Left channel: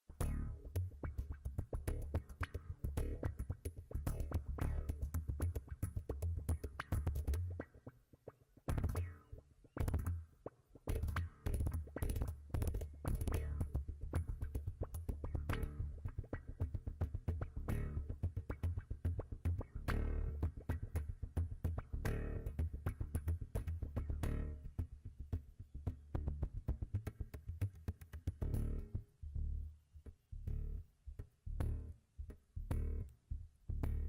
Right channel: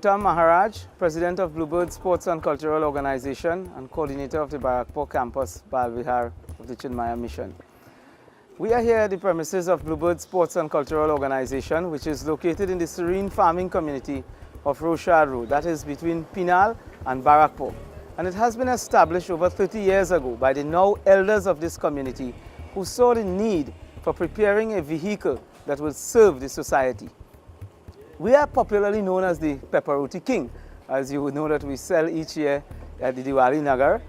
Gowtam Maharaj, President of Bluebird Sports and Cultural Organization and Coordinator of the Barakpur Campus BALVIHAR of the Chinmaya Mission. We are here at the premises of Bluebird Sports and Cultural Organization, which is located in the serene farming community of Rochard Road, that is between Pinal and Barakpur. And it has been established over 30 years ago by the now elders of this community who saw the need for preparing a vehicle that will serve the society. We are popularly known as the Pepper Roti King, as you would know that we sell each year at the Diwali Nagar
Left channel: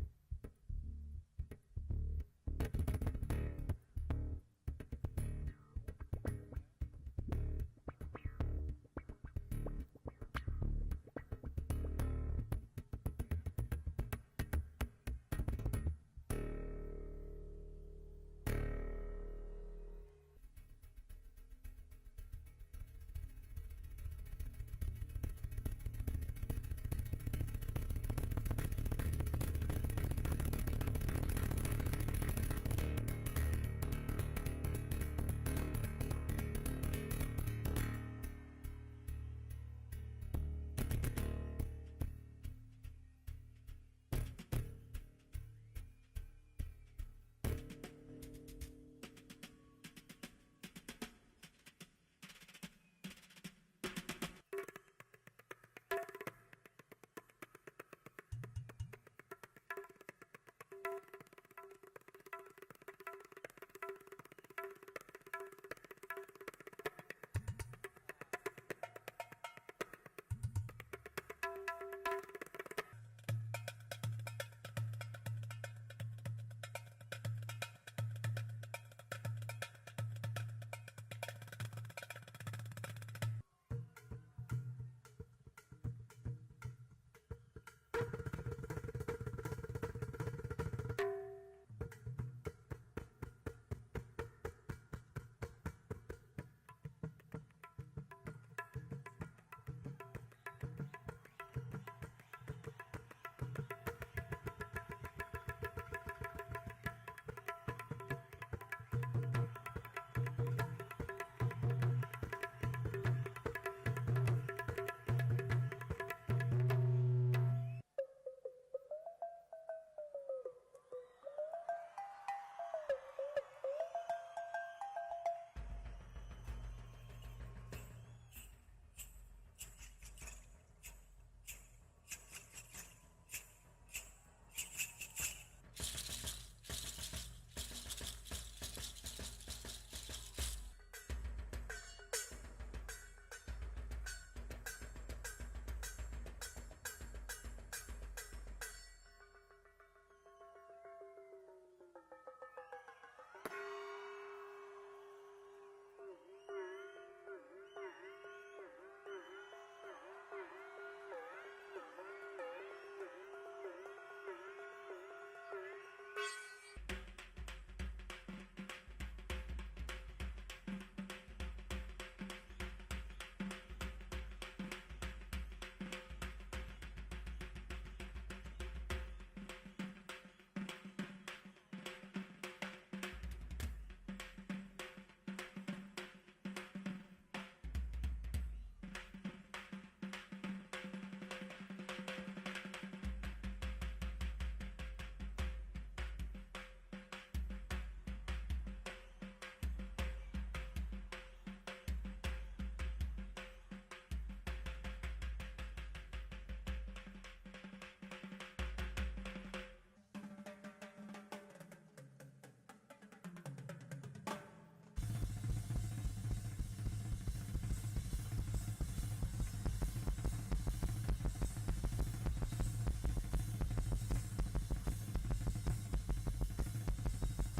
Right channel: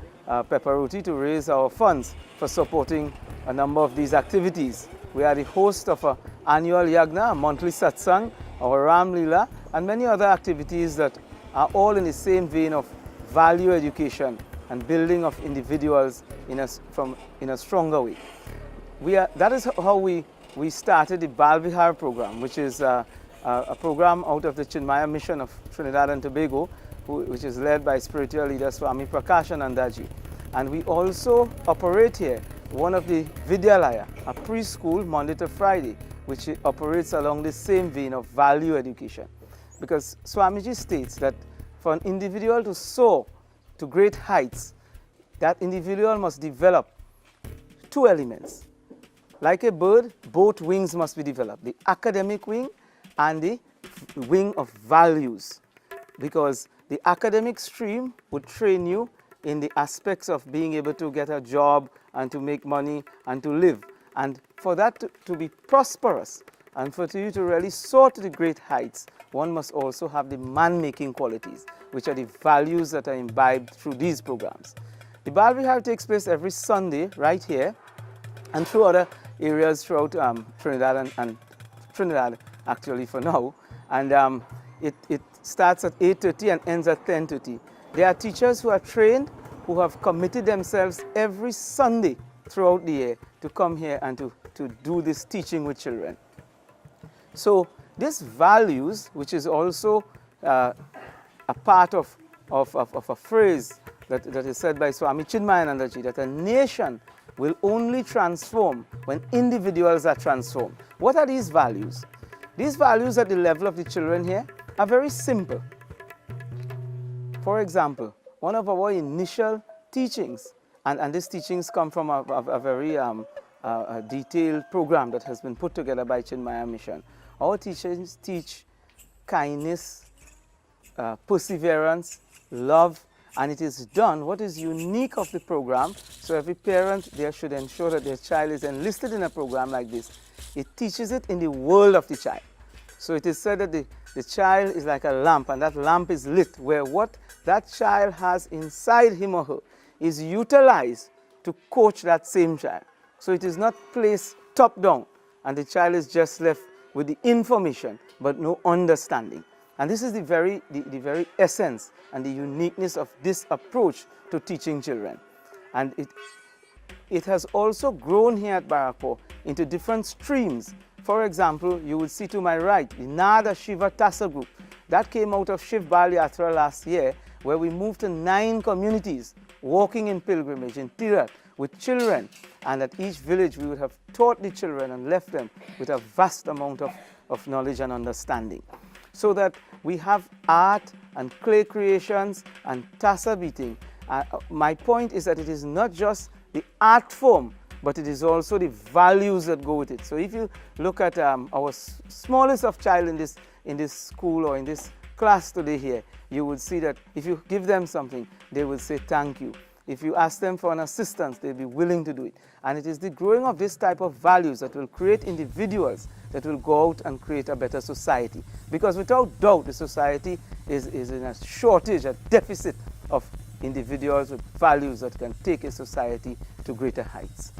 pepper roti to raise our funds for supporting a number of these activities. We are the host of an annual yagna, a monthly satsang, our Ram Leela, and many other activities that are all in the same vein of value education and building of individuals in a stronger way. That is how we started the BALVIHAR program, which is a program out of the Chinmaya Mission of Trinidad and Tobago, which is led by spiritual leader Swami Prakashanandaji. And we also operate here one of the Vidyalaya, a preschool Monday to Friday, which operates along the same vein of value education. Because Swamiji states that for an individual to soar to great heights, that individual must develop two elements. Like a bird, both wings must be developed, the academic wing and the wing of values, because the academic stream would train you in the aspects of being able to get a job and to make money and to live. And for that to be prosperous and for you to really soar to the great heights, one must also have the man-making qualities, which are the values that are imbibed through these programs. The BALVIHAR takes place every Sunday right here and through other areas throughout Trinidad and Trinidad actually for now, and it starts at 8:30 and ends at 10:30. There are teachers who are trained, who have committed themselves every Sunday throughout the year to come here and to do this teaching with children. So this values, which is also a part of a phrase that is said by Swami Chinmayanandaji, that a nation will only transform when individuals are transformed. What are these values? These values at the level of the children here are very simple. For example, one of our initial teachings, and these teachings come from a very detailed program that has been put together by Chinmaya Mission. Our teachings teach kindness, perseverance, love, and it is done. What is unique of the program, so every parent there should ensure that their child is enlisted in a program like this. It teaches it in the world of the child. So it is said that the child is like a lamp, and that lamp is lit, where what that child has inside him or her is utilized to coach that same child. So it is not placed top down, and the child is just left with the information but no understanding. And this is the very essence and the uniqueness of this approach to teaching children. And it has also grown here at Barakpur into different streams. For example, you will see to my right, the Nada Shiva Tassa group. That came out of BALVIHAR Yatra last year, where we moved to 9 communities, walking in pilgrimage in Tirat with children. And at each village, we would have taught the children and left them with a vast amount of knowledge and understanding. So that we have art and clay creations and tassa beating. My point is that it is not just the art form, but it is also the values that go with it. So if you look at our smallest of child in this school or in this class today here, you would see that if you give them something, they will say thank you. If you ask them for an assistance, they'll be willing to do it. And it is the growing of this type of values that will create individuals that will go out and create a better society. Because without doubt, the society is in a shortage, a deficit of individuals with values that can take a society to greater heights.